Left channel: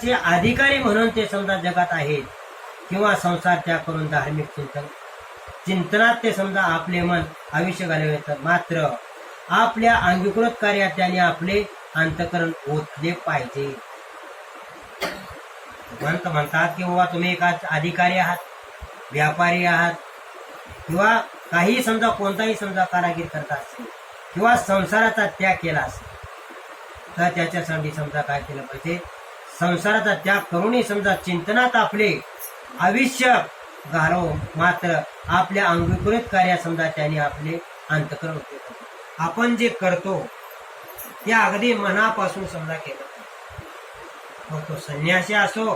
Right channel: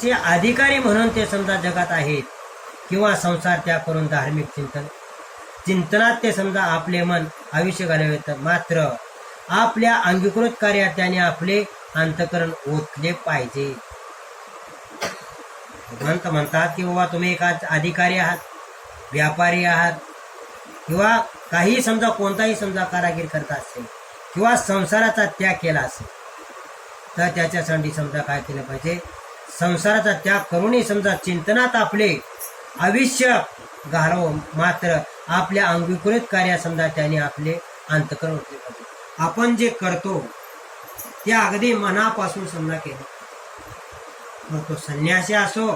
संसाराचे अधिकारी म्हणून ते समजा जगात आहेत, किंवा संसार त्याग करून धार्मिक चिंतनात ते समजा आपले मन आयुष्य घालवितात. मात्र आपल्या अंगीकृत कार्यात त्याने आपले अंतःकरण ओतले पाहिजे. भगवंत म्हणतात की बाबा तुम्ही एका अधिकारी आहात, व्यापारी आहात, किंवा काही समजा कोणताही समजा कारागीर करता असेल, किंवा संसाराचा त्याग केला असेल, तर त्याच्यासाठी समजा काय केलं पाहिजे, संसाराचा त्याग करूनही समजा चिंतनात आपले आयुष्य घालव. मात्र आपल्या अंगीकृत कार्यात समजा त्याने आपले अंतःकरण ओतले पाहिजे. आपण जे करतो ते अगदी मनापासून समजा केलं, मग तो संन्यासी असो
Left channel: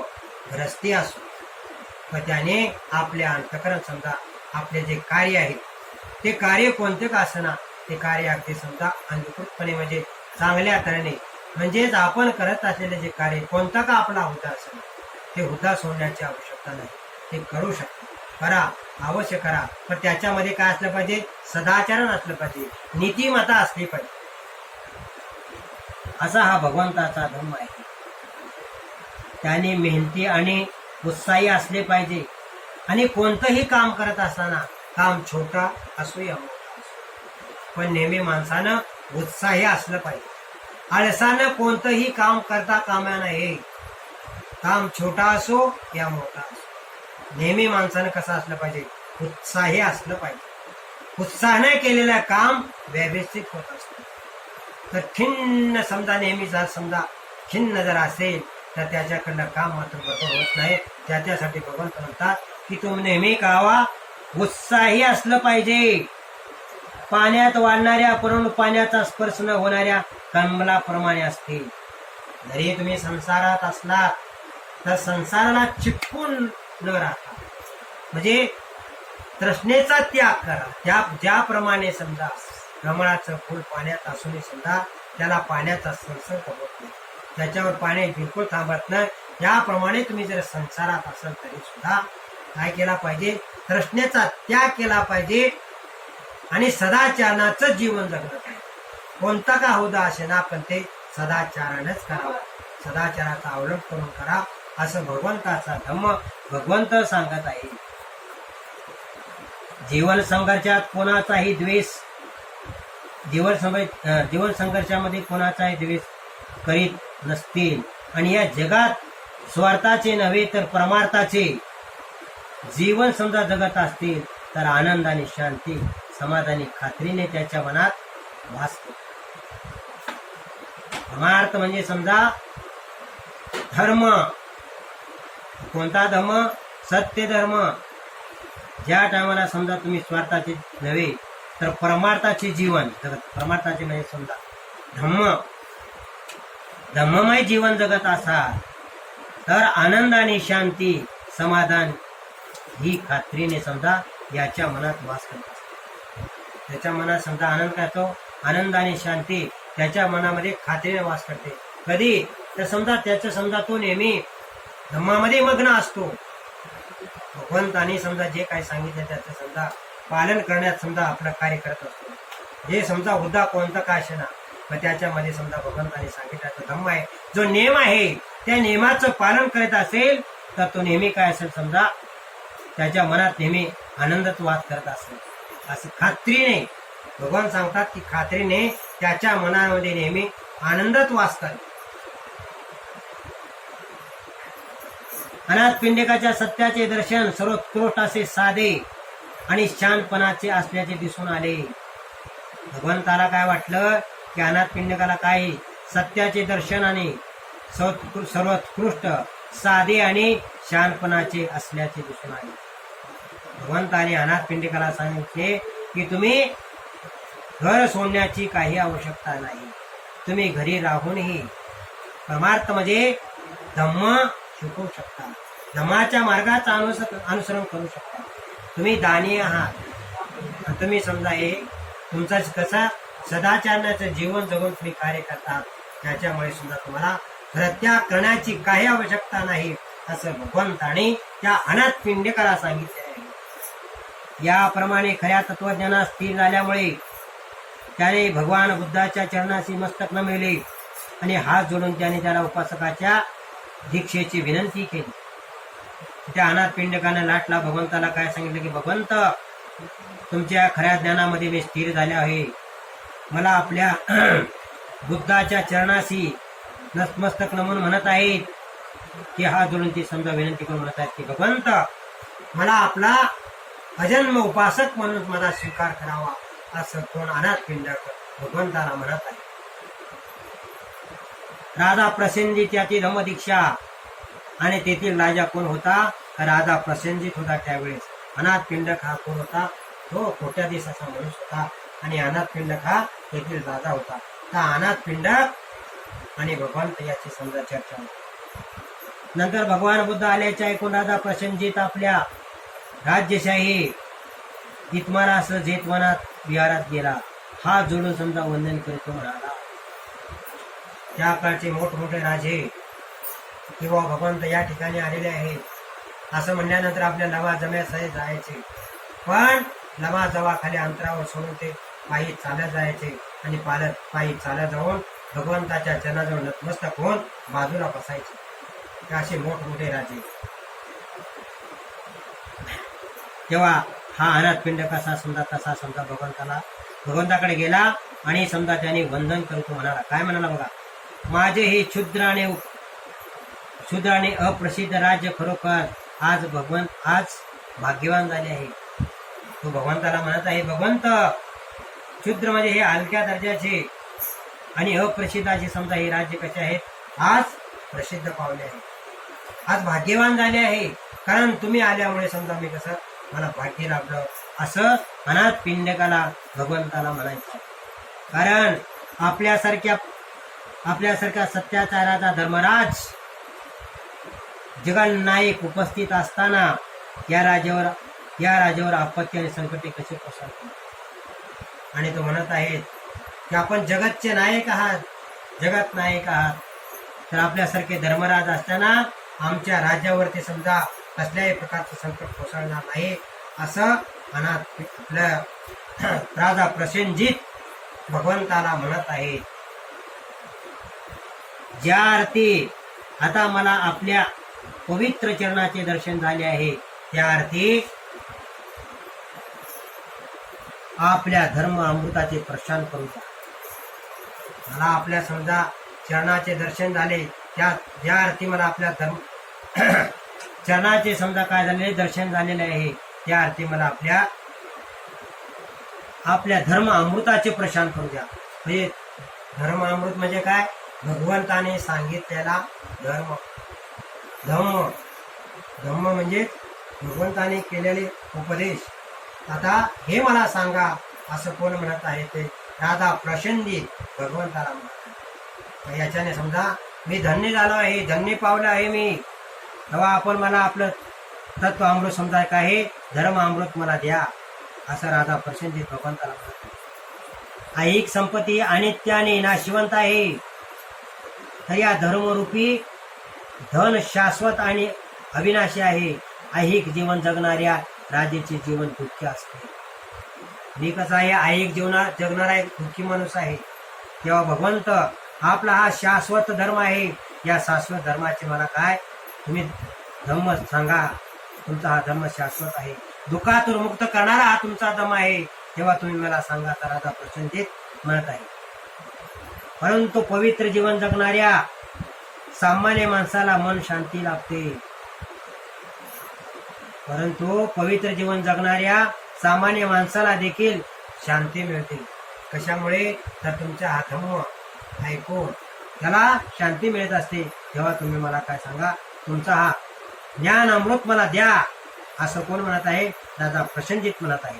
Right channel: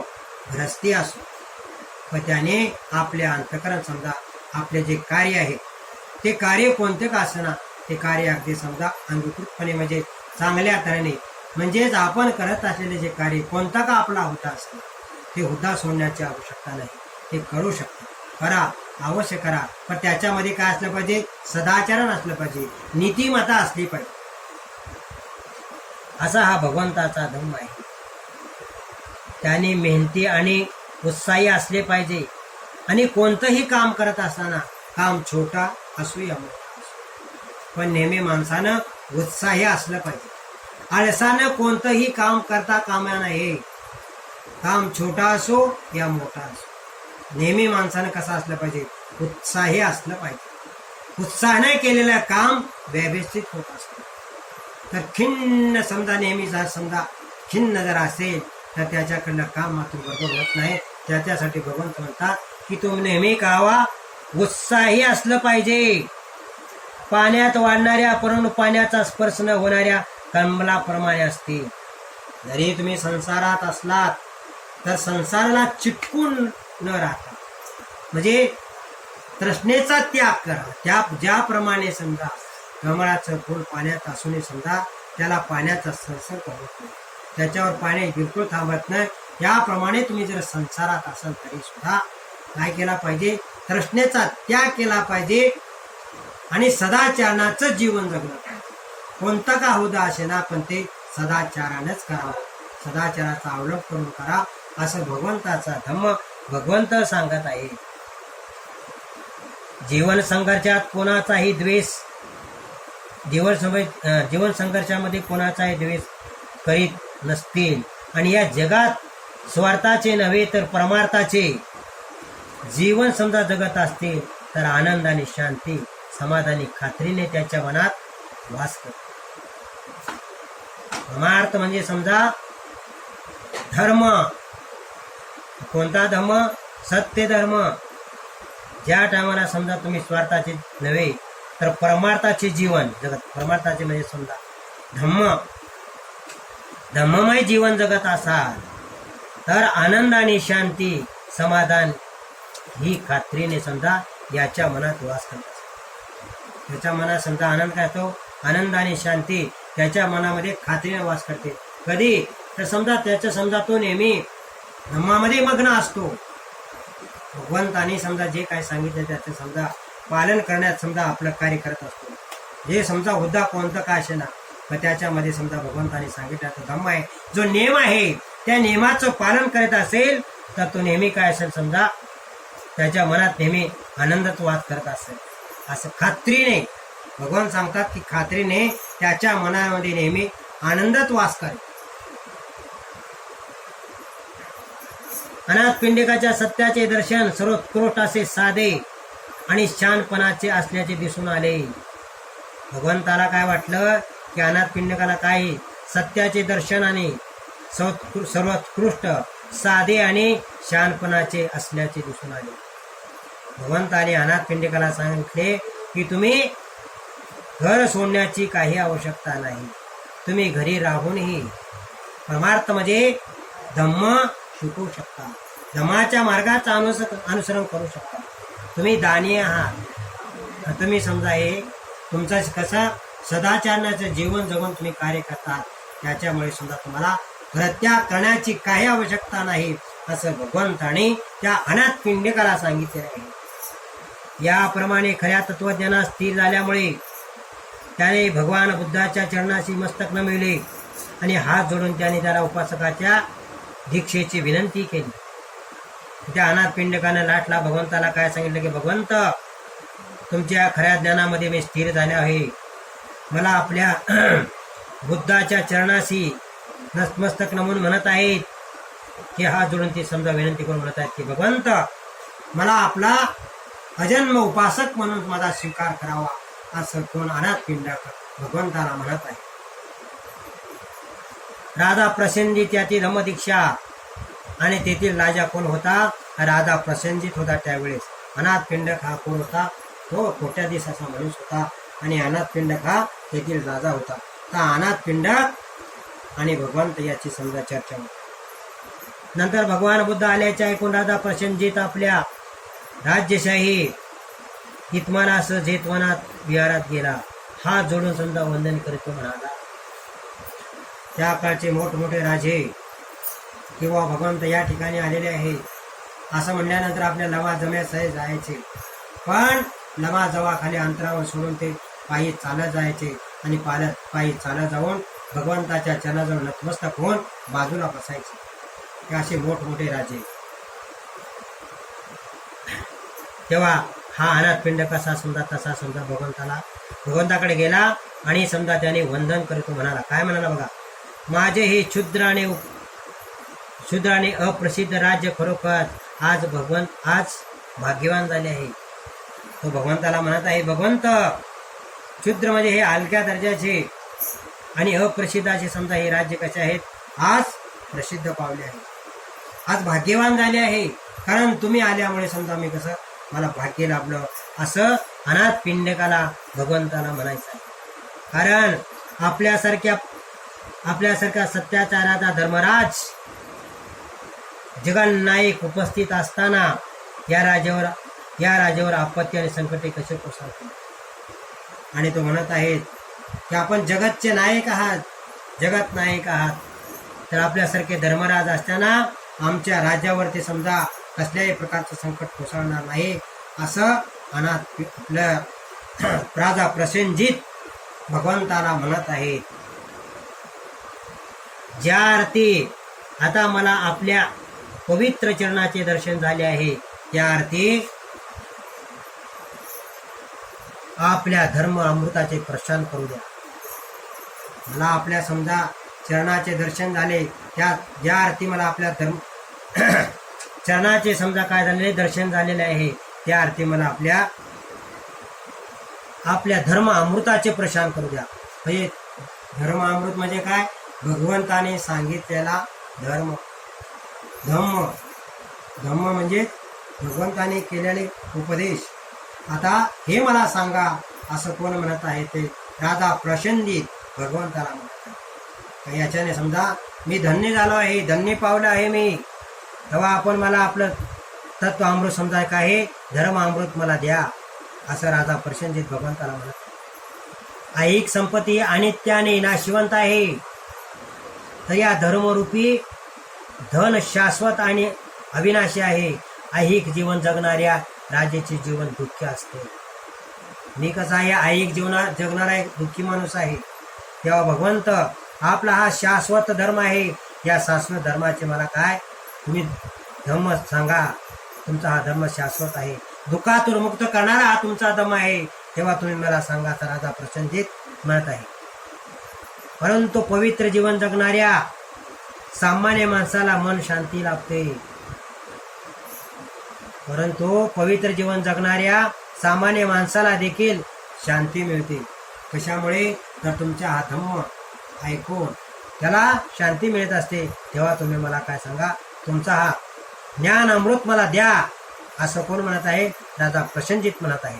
गृहस्थी असो, पण त्याने आपले अंतःकरण समजा आपले जे कार्य आहे ते कार्य कोणते का असना, ते कार्य अगदी समजा अंगीकृतपणे म्हणजे चांगल्या तऱ्हेने, म्हणजेच आपण करत असलेले जे कार्य कोणता का आपला हुद्दा असेल ते हुद्दा सोडण्याची आवश्यकता नाही, ते करू शकता, करा, अवश्य करा. पण त्याच्यामध्ये काय असलं पाहिजे, सदाचरण असलं पाहिजे, नीतिमत्ता असली पाहिजे. असा हा भगवंताचा धम्म आहे. त्याने मेहनती आणि उत्साही असले पाहिजे. आणि कोणतंही काम करत असताना, काम छोटा असो या मोठा असो, पण नेहमी माणसानं उत्साही असलं पाहिजे. आळसानं कोणतंही काम करता कामा नये. काम छोटा असो या मोठा असो, नेहमी माणसानं कसं असलं पाहिजे, उत्साही असलं पाहिजे. उत्साहाने केलेलं काम व्यवस्थित होत असतं. तर खिन्न समजा नेहमी समजा खिन्न जर असेल तर त्याच्याकडनं काम मात्र बरोबर होत नाही. त्याच्यासाठी भगवंत म्हणतात की तुम्ही नेहमी कावा उत्साही असलं पाहिजे. पाण्यात वाढणाऱ्या परंतु पाण्याचा स्पर्श न होणाऱ्या कमलाप्रमाणे असते. जरी तुम्ही संसारात असलात तर संसाराला चिटकून न राहता, म्हणजे तृष्णेचा त्याग करा. ज्याप्रमाणे समजा कमळाचं फूल पाण्यात असूनही समजा त्याला पाण्याचा संसर्ग होत नाही, त्याच्यावर पाणी बिलकुल थांबत नाही. याप्रमाणे तुम्ही जर संसारात असाल तरी सुद्धा काय केला पाहिजे, तृष्णेचा त्याग केला पाहिजे आणि सदाचाराचं जीवन जगलं पाहिजे. कोणता का हुद्दा असे ना, पण ते सदाचारानंच करावं, सदाचाराचा अवलंब करून करा, असं भगवंताचा धम्म भगवंत सांगत आहे. जीवन संघर्षात कोणाचाही द्वेष, जीवन संघर्षामध्ये कोणाचाही द्वेष करीत नसतील आणि या जगात स्वार्थाचे नव्हे तर परमार्थाचे जीवन समजा जगत असतील तर आनंद आणि शांती समाधानी खात्रीने त्याच्या मनात वास करतो. परमार्थ म्हणजे समजा धर्म. कोणता धर्म? सत्य धर्म. ज्या टायमाला समजा तुम्ही स्वार्थाचे नव्हे तर परमार्थाचे जीवन जगत, परमार्थाचे म्हणजे समजा धम्ममय जीवन जगत असाल तर आनंद आणि शांती समाधान ही खात्रीने समजा याच्या मनात वास करत असते. त्याच्या मनात समजा आनंद काय तो, आनंद आणि शांती त्याच्या मनामध्ये खात्रीने वास करते. कधी तर समजा त्याचं समजा तो नेहमी धम्मामध्ये मग्न असतो. भगवंतानी समजा जे काही सांगितलं त्याचं समजा पालन करण्यात समजा आपलं कार्य करत असतो. जे समजा हुद्दा कोणतं काय असे ना, पण त्याच्यामध्ये समजा भगवंतानी सांगितलं धम्म आहे, जो नियम आहे त्या नियमाचं पालन करत असेल तर तो नेहमी काय असेल समजा त्याच्या मनात नेहमी आनंदच वास करत असेल. असं खात्रीने भगवान सांगतात की खात्रीने त्याच्या मनामध्ये नेहमी आनंदच वास करेल. अनाथ पिंडिकाच्या सत्याचे दर्शन सर्वोत्कृष्ट असे साधे आणि शानपणाचे असल्याचे दिसून आले. भगवंताला काय वाटलं की अनाथ पिंडिकाला काय सत्याचे दर्शन आणि सर्वोत्कृष्ट साधे आणि शानपणाचे असल्याचे दिसून आले. भगवंताने अनाथ पिंडिकाला सांगितले की तुम्ही घर सोडण्याची काही आवश्यकता नाही, तुम्ही घरी राहूनही परमार्थ म्हणजे धम्म शिकवू शकता, धम्माच्या मार्गाचं अनुसरण करू शकता. तुम्ही दानी आहात, तुम्ही समजा हे तुमचं कसं सदाचाराचं जीवन जगून तुम्ही कार्य करतात, त्याच्यामुळे सुद्धा तुम्हाला परित्याग करण्याची काही आवश्यकता नाही असं भगवंताने त्या अनाथ पिंडिकाला सांगितले आहे. याप्रमाणे खऱ्या तत्वज्ञानात स्थिर झाल्यामुळे त्याने भगवान बुद्धाच्या चरणाशी मस्तक नमिले आणि हात जोडून त्याने त्याला उपासकाच्या दीक्षेची विनंती केली. त्या अनाथ पिंडकानं लाटला भगवंताला काय सांगितलं की भगवंत, तुमच्या खऱ्या ज्ञानामध्ये मी स्थिर झाले आहे. मला आपल्या बुद्धाच्या चरणाशी नतमस्तक नमून म्हणत आहेत की हात जोडून ती समजा विनंती करून म्हणत आहेत की भगवंत, मला आपला अजन्म उपासक म्हणून माझा स्वीकार करावा, असं कोण अनाथ पिंडक भगवंताला म्हणत आहे. राधा प्रसेनजित याची धम्मदीक्षा, आणि तेथील राजा कोण होता? राधा प्रसेनजित होता. त्यावेळेस अनाथ पिंडक हा कोण होता? तो कोट्याधीश असा माणूस होता, आणि अनाथ पिंडक हा तेथील राजा होता. तर अनाथ पिंडक आणि भगवंत याची समजा चर्चा होती. नंतर भगवान बुद्ध आल्याच्या ऐकून राधा प्रसेनजित आपल्या राज्यशाही इतमानास जेतवनात विहारात गेला. हात जोडून समजा वंदन करतो म्हणाला. त्या काळचे मोठमोठे राजे किंवा भगवंत या ठिकाणी आलेले आहेत असं म्हणल्यानंतर आपल्या लवा जम्यासह जायचे, पण लवा जवाखाली अंतरावर सोडून ते पायी चालत जायचे, आणि पायी चालत जाऊन भगवंताच्या चरणाजवळ नतमस्तक होऊन बाजूला बसायचे. हे असे मोठमोठे राजे. तेव्हा हा अनाथ पिंड कसा समजा तसा समजा भगवंताकडे गेला, आणि समजा त्याने वंदन करतो म्हणाला. काय म्हणाला बघा, माझे हे क्षुद्र आणि अप्रसिद्ध राज्य खरोखर आज भाग्यवान झाले आहे. तो भगवंताला म्हणत आहे, भगवंत, क्षुद्र म्हणजे हे हलक्या दर्जाचे आणि अप्रसिद्धाचे समजा हे राज्य कसे आहेत? आज प्रसिद्ध पावले आहे, आज भाग्यवान झाले आहे, कारण तुम्ही आल्यामुळे समजा मी कसं मला भाग्य लाभलं, असं अनाथ पिंडकाला भगवंताला म्हणायचं आहे. कारण आपल्यासारख्या सत्याचाराचा धर्मराज जगन्नायक उपस्थित असताना या राजावर आपत्ती आणि संकटे कसे कोसळतील. आणि तो म्हणत आहेत की आपण जगतचे नायक आहात, जगत नायक आहात, तर आपल्यासारखे धर्मराज असताना आमच्या राज्यावरती समजा कसल्याही प्रकारचं संकट कोसळणार नाही, असं अनाथ आपलं राजा प्रसेनजित भगवंताला म्हणत आहेत. ज्या अर्थी आता मला आपल्या पवित्र चरणाचे दर्शन झाले आहे, त्या अर्थी आपल्या धर्म अमृताचे प्रशान करू द्या. मला आपल्या समजा चरणाचे दर्शन झाले, ज्या अर्थी मला आपल्या धर्म चरणाचे समजा काय झालेले दर्शन झालेले आहे, त्या अर्थी मला आपल्या धर्म अमृताचे प्रशान करू द्या. म्हणजे धर्म अमृत म्हणजे काय? भगवंताने सांगितलेला धर्म. धम्म म्हणजे भगवंताने केलेले उपदेश. आता हे मला सांगा, असं कोण म्हणत आहे? ते राधा प्रसेनजित भगवंताला म्हणत आहे. याच्याने समजा मी धन्य झालो आहे, धन्य पावलं आहे मी. तेव्हा आपण मला आपलं तत्व अमृत समजा काय आहे, धर्म अमृत मला द्या, असं राधा प्रसेनजित भगवंताला म्हणत आहे. ऐहिक संपत्ती अनित्य आणि नाशिवंत आहे, तर या धर्मरूपी धन शाश्वत आणि अविनाशी आहे. ऐहिक जीवन जगणाऱ्या राजाचे जीवन दुःखी असते. मी कसा आहे, ऐहिक जीवनात जगणारा एक दुःखी माणूस आहे. तेव्हा भगवंत आपला हा शाश्वत धर्म आहे, या शाश्वत धर्माचे मला काय तुम्ही धर्म सांगा. तुमचा हा धर्म शाश्वत आहे, दुःखातून मुक्त करणारा हा तुमचा धर्म आहे, तेव्हा तुम्ही मला सांगा, तर राधा प्रसेनजित म्हणत आहे. परंतु पवित्र जीवन जगणाऱ्या सामान्य माणसाला मन शांती लाभते. परंतु पवित्र जीवन जगणाऱ्या सामान्य माणसाला देखील शांती मिळते. कशामुळे? तर तुमचा हा धम्म ऐकून त्याला शांती मिळत असते. तेव्हा तुम्ही मला काय सांगा, तुमचा हा ज्ञान अमृत मला द्या, असं कोण म्हणत आहे? राधा प्रसेनजित म्हणत आहे.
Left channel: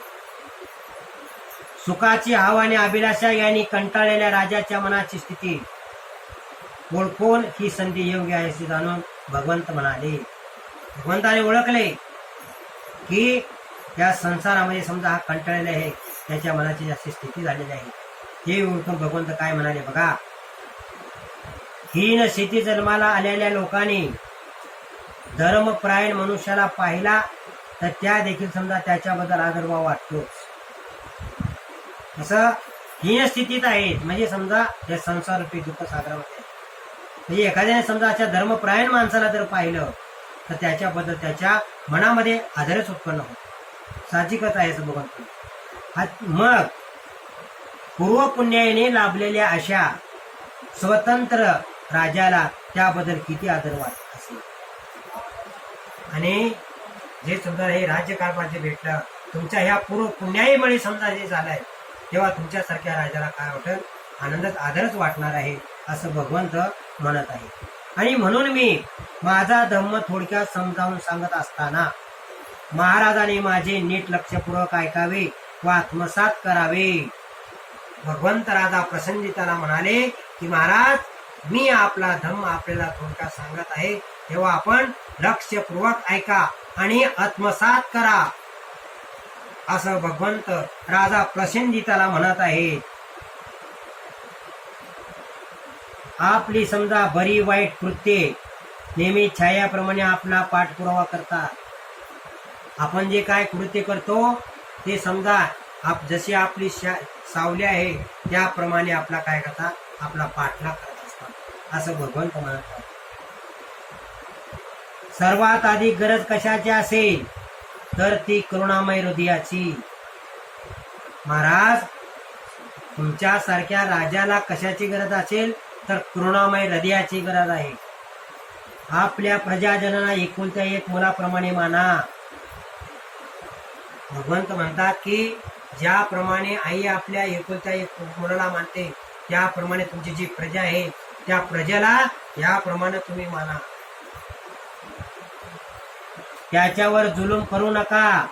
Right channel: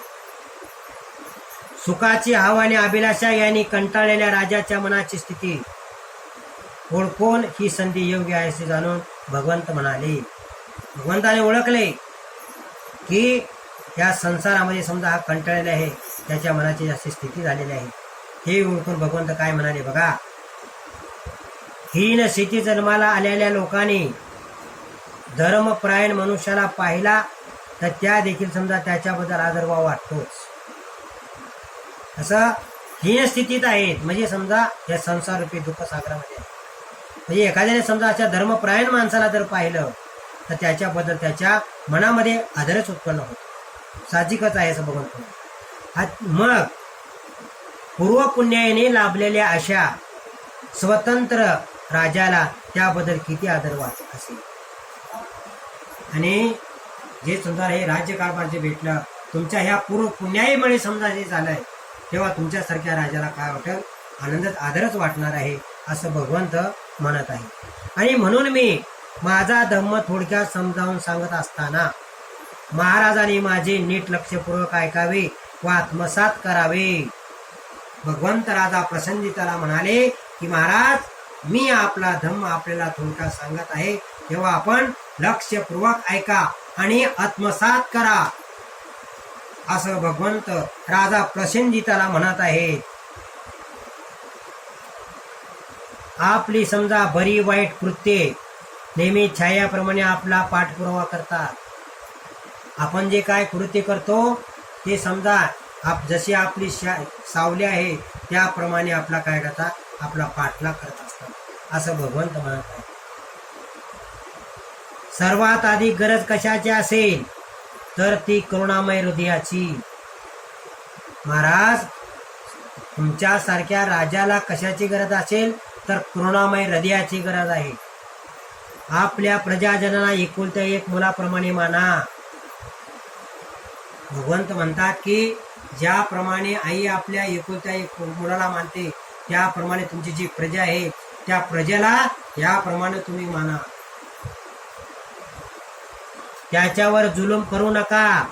सुखाची हवा आणि अभिलाषा यांनी कंटाळलेल्या राजाच्या मनाची स्थिती ओळखून ही संधी योग्य आहे असे जाणून भगवंत म्हणाले. भगवंताने ओळखले की या संसारामध्ये समजा हा कंटाळलेला आहे, त्याच्या मनाची अशी स्थिती झालेली आहे. हे ओळखून भगवंत काय म्हणाले बघा, हीन स्थिती जन्माला आलेल्या लोकांनी धर्मप्रायण मनुष्याला पाहिला तर त्या देखील समजा त्याच्याबद्दल आदरभाव वाटतोच. असं हीन स्थितीत आहेत, म्हणजे समजा या संसाररूपी दुःख सागरामध्ये आहे. म्हणजे एखाद्याने समजा अशा धर्मपरायण माणसाला जर पाहिलं तर त्याच्याबद्दल त्याच्या मनामध्ये आदरच उत्पन्न होतो. साहजिकच आहे असं बघून मग पूर्वपुण्याने लाभलेल्या अशा स्वतंत्र राजाला त्याबद्दल किती आदर वाटत असेल. आणि जे समजा हे राज्यकारभार जे भेटलं तुमच्या ह्या पूर्व पुण्याईमुळे समजा जे झालंय तेव्हा तुमच्यासारख्या राजाला काय वाटेल, आनंदच आदरच वाटणार आहे असं भगवंत म्हणत आहे. आणि म्हणून मी माझा धम्म थोडक्यात समजावून सांगत असताना महाराजांनी माझे नीट लक्षपूर्वक ऐकावे व आत्मसात करावे. भगवंत राजा प्रसन्नतेला म्हणाले की महाराज मी आपला धम्म आपल्याला थोडक्यात सांगत आहे तेव्हा आपण लक्षपूर्वक ऐका आणि आत्मसात करा असं भगवंत राजा प्रसन्नतेला म्हणत आहे. आपली समजा बरी वाईट कृत्ये नेहमी छायाप्रमाणे आपला पाठपुरावा करतात. आपण जे काय कृत्य करतो ते समजा जशी आपली सावली आहे त्याप्रमाणे आपला काय करतात, आपला पाठलाग करत असतात असं भगवंत म्हणत आहे. सर्वात आधी गरज कशाची असेल तर ती करुणामय हृदयाची. महाराज तुमच्यासारख्या राजाला कशाची गरज असेल तर करुणामय हृदयाची गरज आहे. आपल्या प्रजाजनांना एकुलत्या एक मुलाप्रमाणे माना. भगवंत म्हणतात की ज्याप्रमाणे आई आपल्या एकुलत्या एक मुलाला मानते त्याप्रमाणे तुमची जी प्रजा आहे त्या प्रजेला याप्रमाणे तुम्ही माना. त्याच्यावर जुलूम करू नका.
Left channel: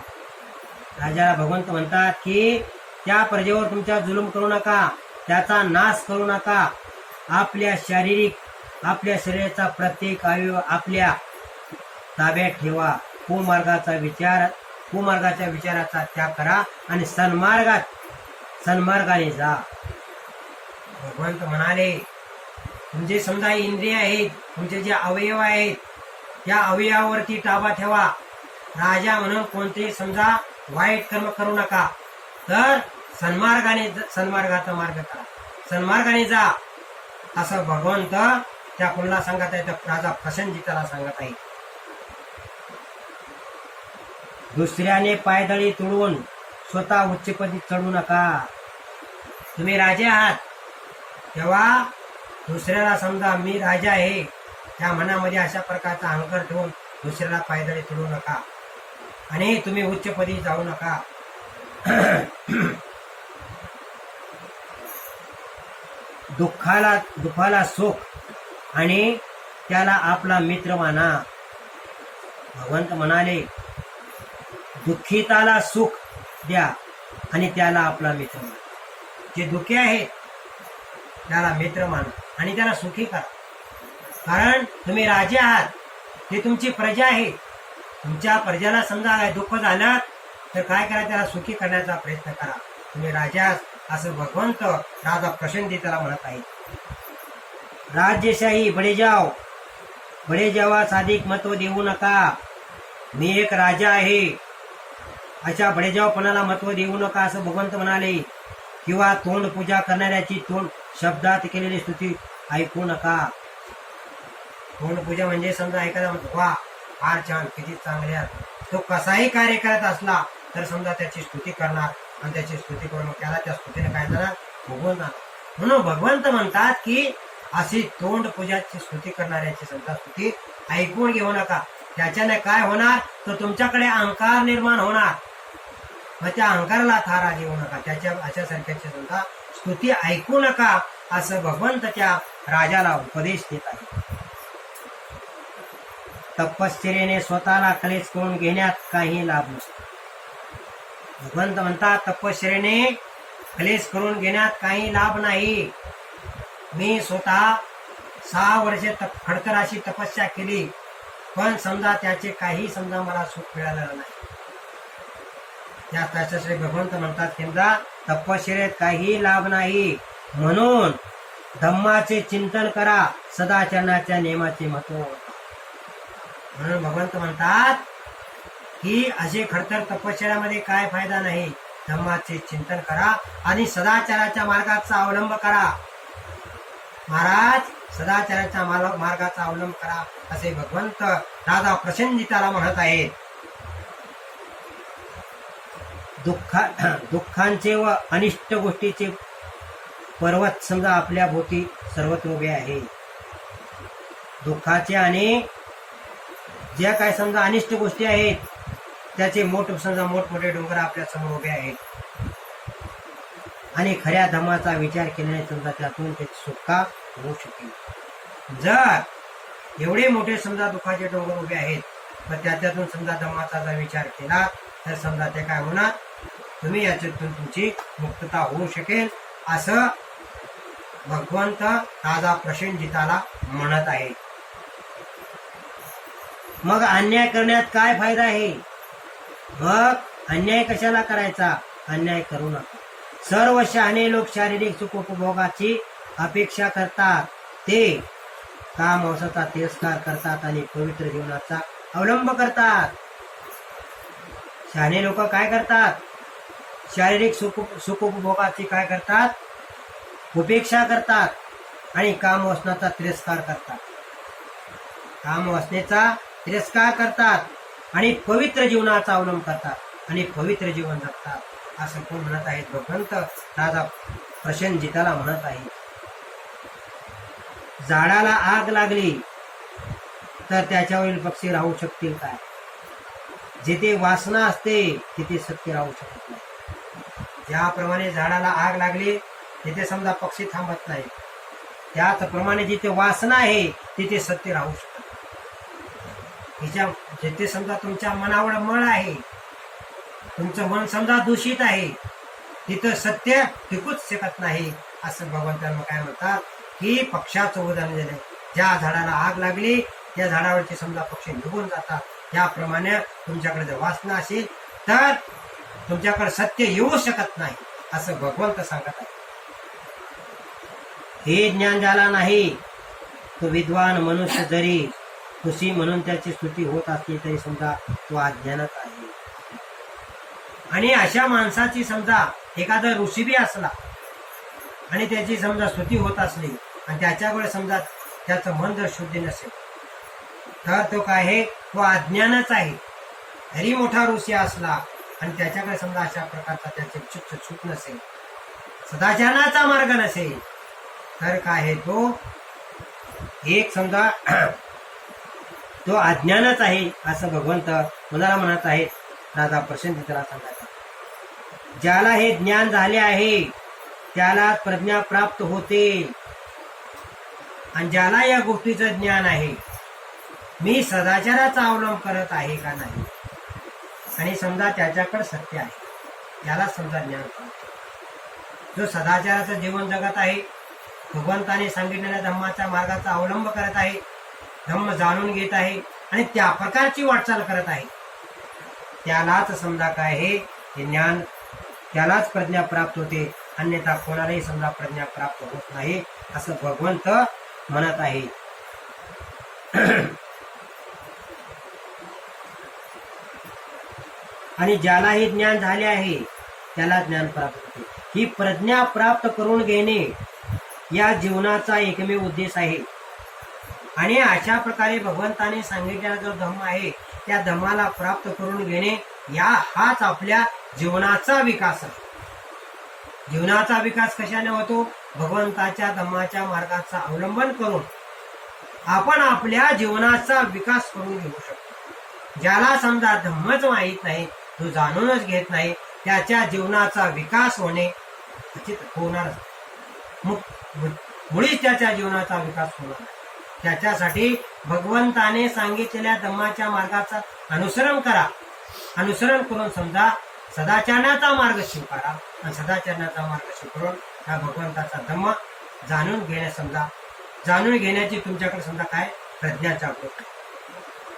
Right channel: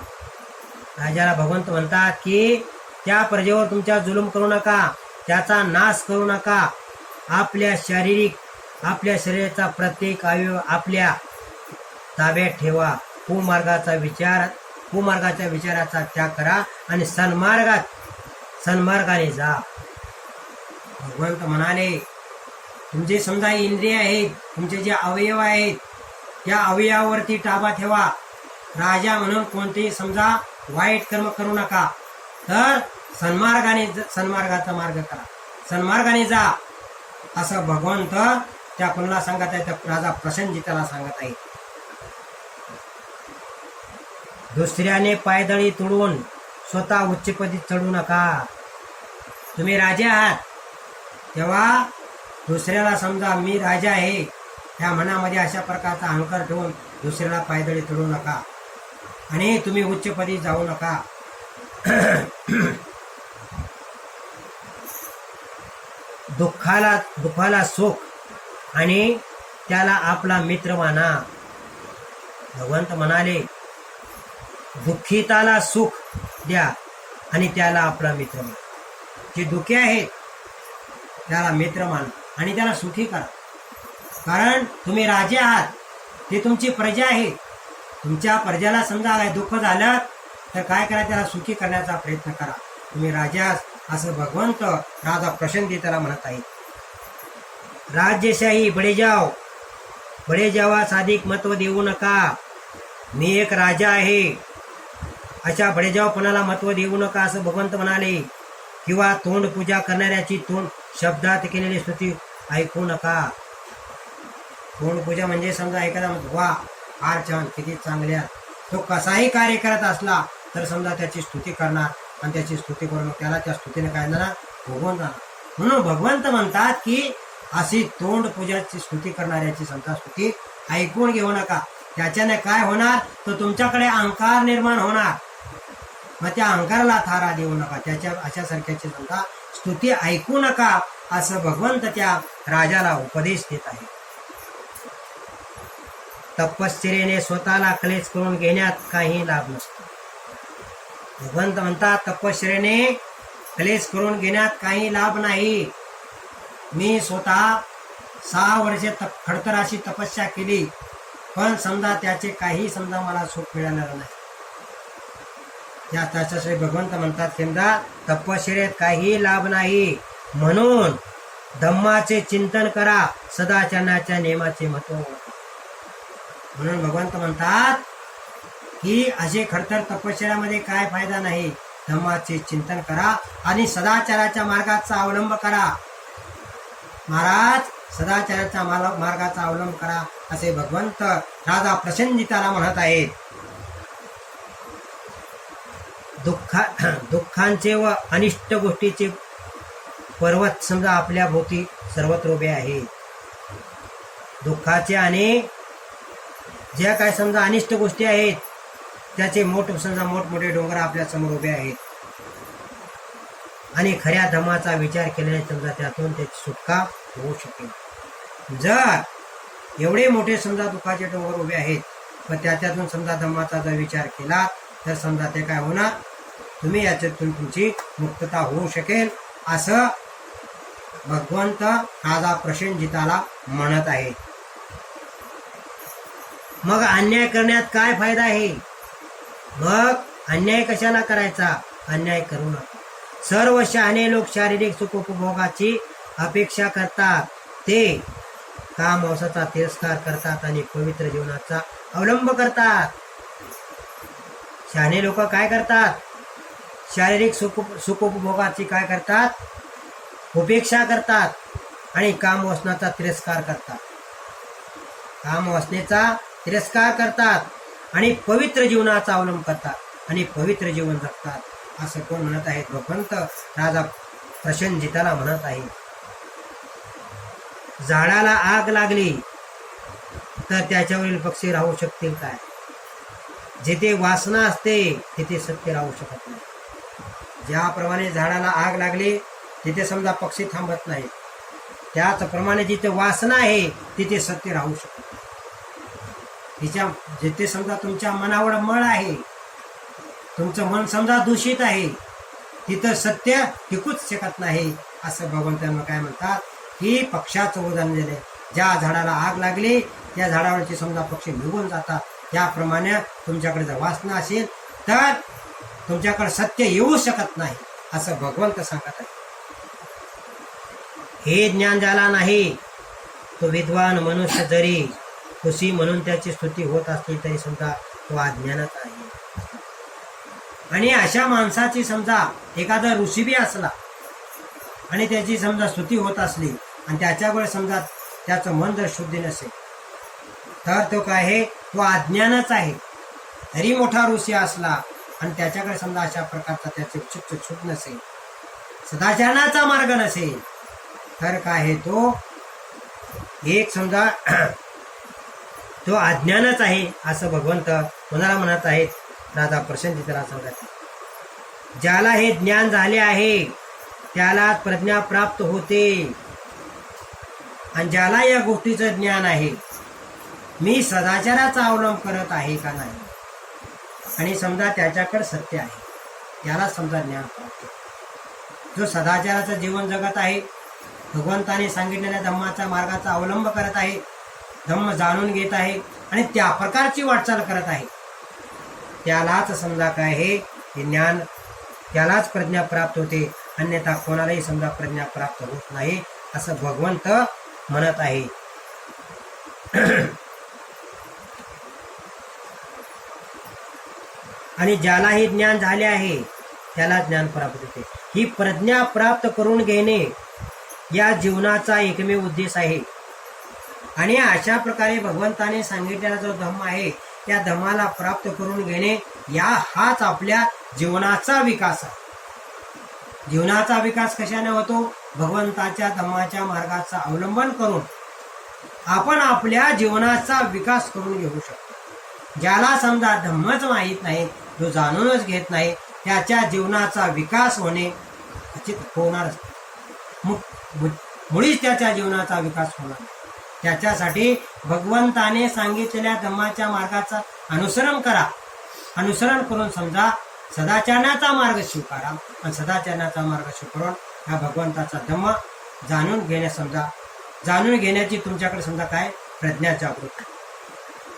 राजाला भगवंत म्हणतात की त्या प्रजेवर तुमच्या जुलूम करू नका, त्याचा नाश करू नका. आपल्या शरीराचा प्रत्येक अवयव आपल्या ताब्यात ठेवा. कुमार्गाच्या विचाराचा त्याग करा आणि सन्मार्गाने जा. भगवंत म्हणाले तुमचे समजा इंद्रिय आहेत, तुमचे जे अवयव आहेत त्या अवयवावरती ताबा ठेवा. राजा म्हणून कोणतेही समजा वाईट कर्म करू नका, तर सन्मार्गाचा मार्ग करा, सन्मार्गाने जा असं भगवंत त्या कोणाला सांगत आहे तर राजा प्रसन्नजिताला सांगत आहे. दुसऱ्याने पायदळी तुडवून स्वतः उच्चपदी चढू नका. तुम्ही राजे आहात तेव्हा दुसऱ्याला समजा मी राजा आहे त्या मनामध्ये अशा प्रकारचा अहंकार ठेवून दुसऱ्याला पायदळी तुडवू नका आणि तुम्ही उच्चपदी जाऊ नका. दुःखाला सुख आणि त्याला आपला मित्र माना. भगवंत म्हणाले दुःखिताला सुख द्या आणि त्याला आपला मित्र माना. जे दुःखी आहेत त्याला मित्र माना आणि त्याला सुखी करा. कारण तुम्ही राजे आहात, ते तुमची प्रजा आहे. तुमच्या प्रजेला समजा दुःख झालं तर काय करा, त्याला सुखी करण्याचा प्रयत्न करा. तुम्ही राजा असं भगवंत राजा प्रसन्नतेला म्हणत आहेत. राज्यशाही बडे जावास अधिक महत्व देऊ नका. मी एक राजा आहे अशा बडेजावपणाला महत्व देऊ नका असं भगवंत म्हणाले. किंवा तोंड पूजा करणाऱ्याची तोंड शब्दात केलेली स्तुती ऐकू नका. तोंड पूजा म्हणजे समजा एखादा म्हणतो वा फार छान, किती चांगल्या, तो कसाही कार्य करत असला तर समजा त्याची स्तुती करणार आणि त्याची स्तुती करून त्याला त्या स्तुतीने काय जाणार, भगवंत जाणार. म्हणून भगवंत म्हणतात की अशी तोंड पूजाची स्तुती करणाऱ्याची समजा स्तुती ऐकून घेऊ नका. त्याच्याने काय होणार तर तुमच्याकडे अहंकार निर्माण होणार. मग त्या अहंकाराला थारा देऊ नका. त्याच्या अशा सारख्याची समजा स्तुती ऐकू नका असं भगवंत त्या राजाला उपदेश देत आहे. तपश्चर्येने स्वतःला क्लेश करून घेण्यात काही लाभ नसतो. भगवंत म्हणतात तपश्चर्येने क्लेश करून घेण्यात काही लाभ नाही. मी स्वतः 6 वर्षे खडतर अशी तपस्या केली पण समजा त्याचे काही समजा मला सुख मिळालेलं नाही. त्याच्यासाठी भगवंत म्हणतात समजा तपश्चर्येत काही लाभ नाही. म्हणून धम्माचे चिंतन करा, सदाचरणाच्या नियमाचे महत्व ओळखा. म्हणून भगवंत म्हणतात की असे खडतर तपश्चर्यामध्ये काय फायदा नाही. धम्माचे चिंतन करा आणि सदाचाराच्या मार्गाचा अवलंब करा. महाराज सदाचाराच्या मार्गाचा अवलंब करा असे भगवंत राजा प्रसन्नजिताला म्हणत आहेत. दुःखांचे व अनिष्ट गोष्टीचे पर्वत समजा आपल्या भोवती सर्वत्र उभे आहे. दुःखाचे आणि ज्या काय समजा अनिष्ट गोष्टी आहेत त्याचे समजा मोठमोठे डोंगर आपल्या समोर उभे आहेत. आणि खऱ्या धम्माचा विचार केल्याने समजा त्यातून त्याची सुटका होऊ शकेल. जर एवढे मोठे समजा दुःखाचे डोंगर उभे आहेत पण त्यातून समजा धम्माचा जर विचार केला तर समजा ते काय होणार, तुम्ही याच्यातून तुमची मुक्तता होऊ शकेल असं भगवंत राजा प्रसन्नजिताला म्हणत आहे. मग अन्याय करण्यात काय फायदा आहे? मग अन्याय कशाला करायचा? अन्याय करू नका. सर्व शहाणे लोक शारीरिक सुखोपभोगाची अपेक्षा करतात, ते काम औषधाचा तिरस्कार करतात आणि पवित्र जीवनाचा अवलंब करतात. शहाणे लोक काय करतात? शारीरिक सुखोपभोगाची काय करतात? उपेक्षा करतात आणि काम वासनाचा तिरस्कार करतात. काम वासनेचा तिरस्कार करतात आणि पवित्र जीवनाचा अवलंब करतात आणि पवित्र जीवन जगतात. असं कोण म्हणत आहेत? भगवंत राजा प्रसन्नजिताला म्हणत आहे. झाडाला आग लागली तर त्याच्यावरील पक्षी राहू शकतील काय? जिथे वासना असते तिथे सत्य राहू शकत नाही. ज्याप्रमाणे झाडाला आग लागली तिथे समजा पक्षी थांबत नाही, त्याचप्रमाणे जिथे वासना आहे तिथे सत्य राहू शकत नाही. जिथे समजा तुमच्या मनावर मळ आहे, तुमचं मन समजा दूषित आहे, तिथं सत्य टिकूच शकत नाही. असं भगवंतांना काय म्हणतात की पक्षाचं उदाहरण दिले. ज्या झाडाला आग लागली त्या झाडावरची समजा पक्षी निघून जातात. त्याप्रमाणे तुमच्याकडे जर वासना असेल तर तुमच्याकडे सत्य येऊ शकत नाही असं भगवंत सांगत आहे. हे ज्ञान ज्याला नाही तो विद्वान मनुष्य जरी खुशी म्हणून त्याची स्तुती होत असली तरी समजा तो अज्ञानात आहे. आणि अशा माणसाची समजा एखादा ऋषी बी असला आणि त्याची समजा स्तुती होत असली आणि त्याच्याकडे समजा त्याचं मन जर शुद्ध नसेल तर तो काय आहे? तो अज्ञानच आहे. तरी मोठा ऋषी असला आणि त्याच्याकडे समजा अशा प्रकारचा त्याचे चित्त छूट नसेल, सदाचाराचा मार्ग नसेल तर काय आहे? तो एक समजा तो अज्ञानच आहे असं भगवंत कोणाला म्हणत आहेत? राजा प्रसन्नजिताला सांगत आहे. ज्याला हे ज्ञान झाले आहे त्याला प्रज्ञा प्राप्त होते. आणि ज्याला या गोष्टीचं ज्ञान आहे मी सदाचाराचा अवलंब करत आहे का नाही आणि समजा त्याच्याकडे सत्य आहे, याला समजा ज्ञान प्राप्त. जो सदाचाराचं जीवन जगत आहे, भगवंताने सांगितलेल्या धम्माच्या मार्गाचा अवलंब करत आहे, धम्म जाणून घेत आहे आणि त्या प्रकारची वाटचाल करत आहे, त्यालाच समजा काय हे ज्ञान, त्यालाच प्रज्ञा प्राप्त होते. अन्यथा कोणालाही समजा प्रज्ञा प्राप्त होत नाही असं भगवंत म्हणत आहे. आणि ज्याला हे ज्ञान झाले आहे त्याला ज्ञान प्राप्त होते. ही प्रज्ञा प्राप्त करून घेणे या जीवनाचा एकमेव उद्देश आहे. आणि अशा प्रकारे भगवंताने सांगितलेला जो धम्म आहे त्या धम्माला प्राप्त करून घेणे हाच आपल्या जीवनाचा विकास आहे. जीवनाचा विकास कशाने होतो? भगवंताच्या धम्माच्या मार्गाचा अवलंबन करून आपण आपल्या जीवनाचा विकास करून घेऊ शकतो. ज्याला समजा धम्मच माहीत नाही, जो जाणूनच घेत नाही, त्याच्या जीवनाचा विकास होणे खचित होणारच, मुळीच त्याच्या जीवनाचा विकास होणार नाही. त्याच्यासाठी भगवंताने सांगितलेल्या धम्माच्या मार्गाचा अनुसरण करा. अनुसरण करून समजा सदाचाराचा मार्ग स्वीकारा आणि सदाचाराचा मार्ग स्वीकारून हा भगवंताचा धम्म जाणून घेणे, समजा जाणून घेण्याची तुमच्याकडे समजा काय प्रज्ञा जागृत आहे.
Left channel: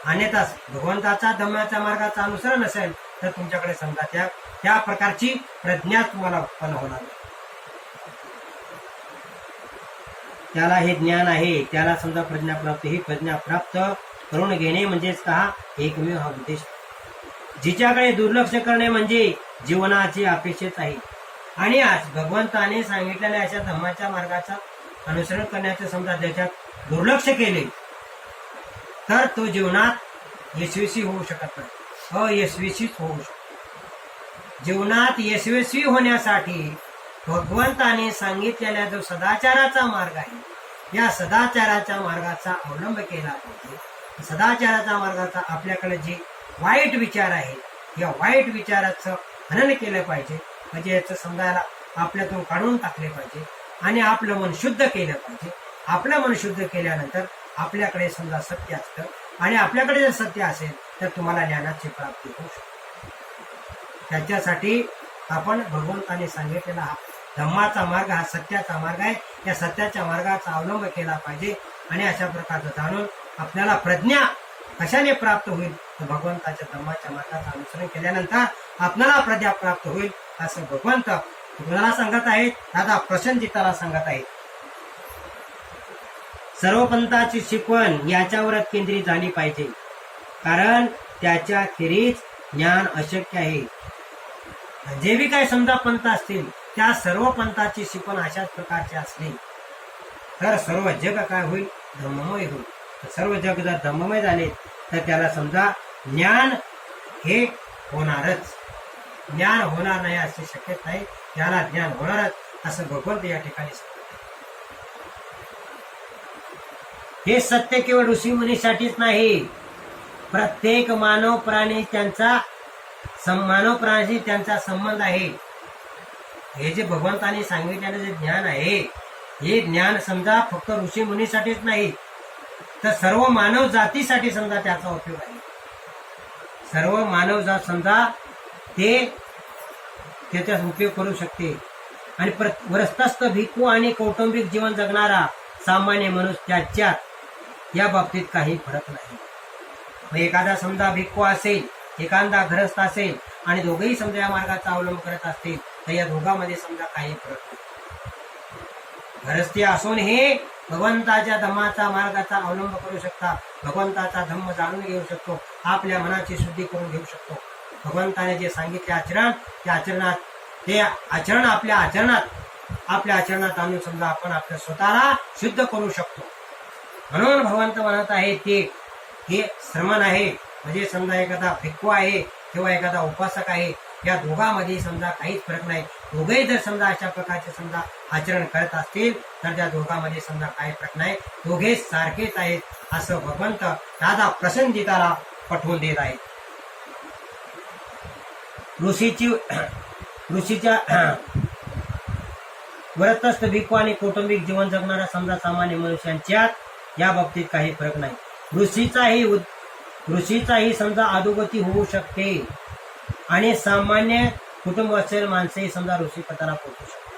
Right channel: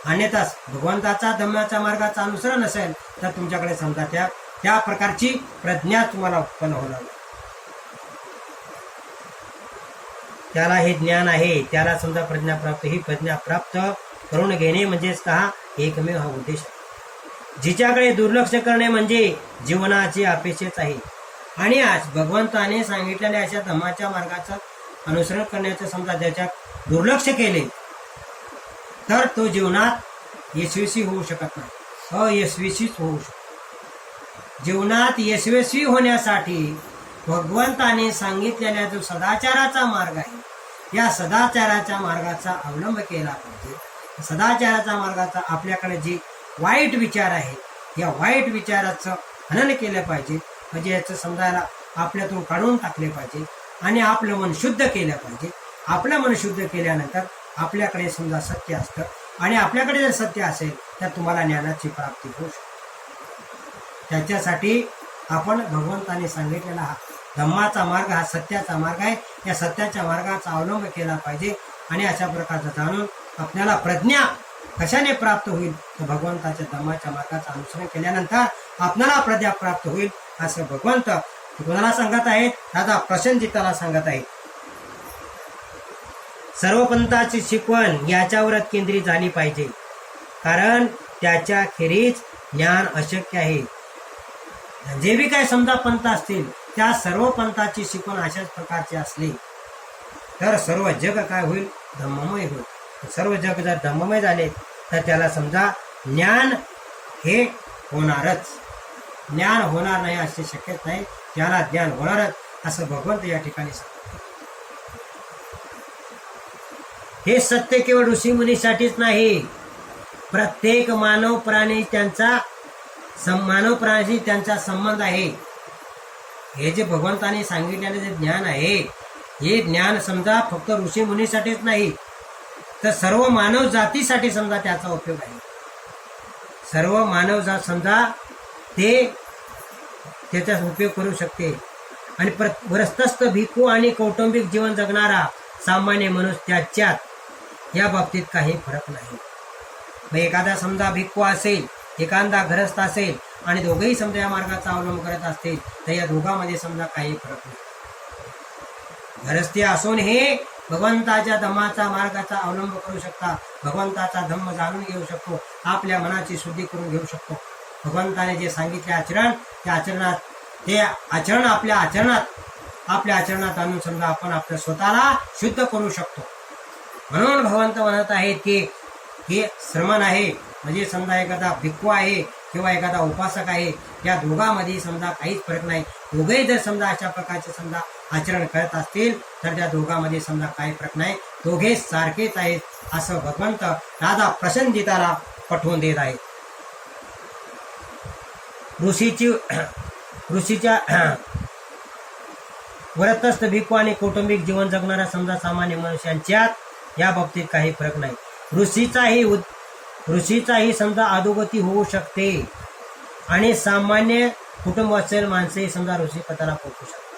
अन्यथा भगवंताचा धम्माच्या मार्गाचा अनुसरण असेल तर तुमच्याकडे समजा त्या प्रकारची प्रज्ञा तुम्हाला उत्पन्न होणार नाही. त्याला हे ज्ञान आहे, त्याला समजा प्रज्ञा प्राप्त. ही प्रज्ञा प्राप्त करून घेणे म्हणजेच का एकमेव हा उद्देश आहे. जिच्याकडे दुर्लक्ष करणे म्हणजे जीवनाची अपेक्षाच आहे. आणि आज भगवंताने सांगितलेल्या अशा धम्माच्या मार्गाचा अनुसरण करण्याचं समजा दुर्लक्ष केले तर तो जीवनात यशस्वी होऊ शकत नाही, अयशस्वीच होऊ शकतो. जीवनात यशस्वी होण्यासाठी भगवंताने सांगितलेला जो सदाचाराचा मार्ग आहे, या सदाचाराच्या मार्गाचा अवलंब केला पाहिजे. सदाचाराच्या मार्गाचा आपल्याकडे जे वाईट विचार आहे, या वाईट विचाराचं हनन केलं पाहिजे. म्हणजे याचं समजायला आपल्यातून काढून टाकले पाहिजे आणि आपलं मन शुद्ध केलं पाहिजे. आपलं मन शुद्ध केल्यानंतर आपल्याकडे समजा सत्य असतं आणि आपल्याकडे जर सत्य असेल तर तुम्हाला ज्ञानाची प्राप्ती होऊ शकते. त्याच्यासाठी आपण भगवंताने सांगितलेला हा धम्माचा मार्ग, हा सत्याचा मार्ग आहे. या सत्याच्या मार्गाचा अवलंब केला पाहिजे आणि अशा प्रकारचं जाणून आपल्याला प्रज्ञा कशाने प्राप्त होईल तर भगवंताच्या धम्माच्या मार्गाचं अनुसरण केल्यानंतर आपल्याला प्रज्ञा प्राप्त होईल, असं भगवंत कोणाला सांगत आहेत? दादा प्रसन्नजिताला सांगत आहेत. सर्व पंथाची शिकवण याच्यावरच केंद्रित झाली पाहिजे, कारण त्याच्या खेरीज ज्ञान अशक्य आहे. जे बी काही समजा पंथ असतील त्या सर्व पंथाची शिकवण अशाच प्रकारची असली तर सर्व जग काय होईल? धम्ममय होईल. सर्व जग जर धम्ममय झाले तर त्याला समजा ज्ञान हे होणारच. ज्ञान होणार नाही अशी शक्यता नाही, त्याला ज्ञान होणारच असं भगवंत या ठिकाणी सांगतात. हे सत्य केवळ ऋषी मुनीसाठीच नाही, प्रत्येक मानव प्राण्याशी त्यांचा संबंध आहे. हे जे भगवंताने सांगितलेले जे ज्ञान आहे, हे ज्ञान समजा फक्त ऋषी मुनीसाठीच नाही तर सर्व मानव जातीसाठी समजा त्याचा उपयोग आहे. सर्व मानव जात समजा त्याचा उपयोग करू शकते. आणि वरस्तस्थ भिक्खू आणि कौटुंबिक जीवन जगणारा सामान्य मनुष्य त्याच्यात या बाबतीत काही फरक नाही. मग एखादा समजा भिक्खू असेल, एखादा गृहस्थ असेल आणि दोघेही समजा या मार्गाचा अवलंब करत असतील तर या दोघांमध्ये समजा काही फरक नाही. गृहस्थी असून हे भगवंताच्या धम्माचा मार्गाचा अवलंब करू शकतात, भगवंताचा धम्म जाणून घेऊ शकतो, आपल्या मनाची शुद्धी करून घेऊ शकतो. भगवंताने जे सांगितले आचरण, ते आचरण आपल्या आचरणात आणून समजा आपण आपल्या स्वतःला शुद्ध करू शकतो. म्हणून भगवंत म्हणत आहेत की हे श्रमण आहे, म्हणजे समजा एखादा भिक्खू आहे किंवा एखादा उपासक आहे, या दोघांमध्ये समजा काहीच फरक नाही. दोघेही जर समजा अशा प्रकारचे समजा आचरण करत असतील तर त्या दोघांमध्ये समजा काही फरक नाही, दोघे सारखेच आहेत असं भगवंत दादा प्रसन्नजिताला पटवून देत आहेत. ऋषीच्या व्रतस्थ भिक्खू आणि कौटुंबिक जीवन जगणाऱ्या समजा सामान्य मनुष्यांच्यात या बाबतीत काही फरक नाही. ऋषीचाही समजा अधोगती होऊ शकते आणि सामान्य कुटुंब असेल माणसेही समजा ऋषी पदाला पोहोचू शकते.